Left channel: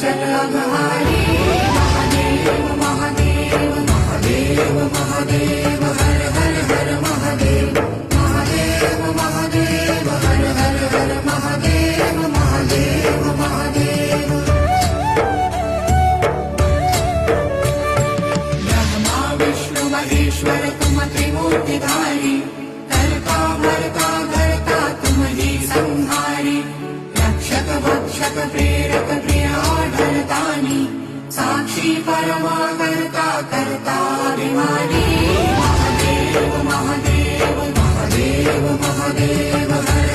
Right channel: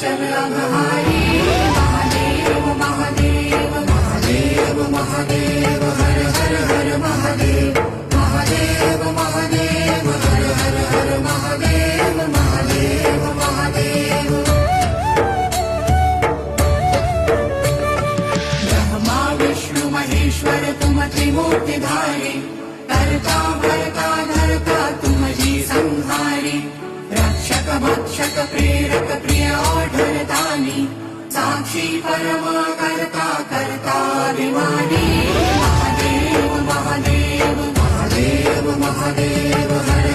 चल अघहारी महादेव महादेव महादेव महादेव हर हर हर महादेव महादेव महादेव हर हर हर महादेव महादेव महादेव ब्रह्मा विष्णु महेश्वर तुम त्रिमूर्तिधारी करता हरता धरता तुम जी संहारी रक्षक भक्षक प्रेरक प्रिय आढळतानी साक्षी परमा करता करता विमानी महादेव महादेव महादेव महादेव हर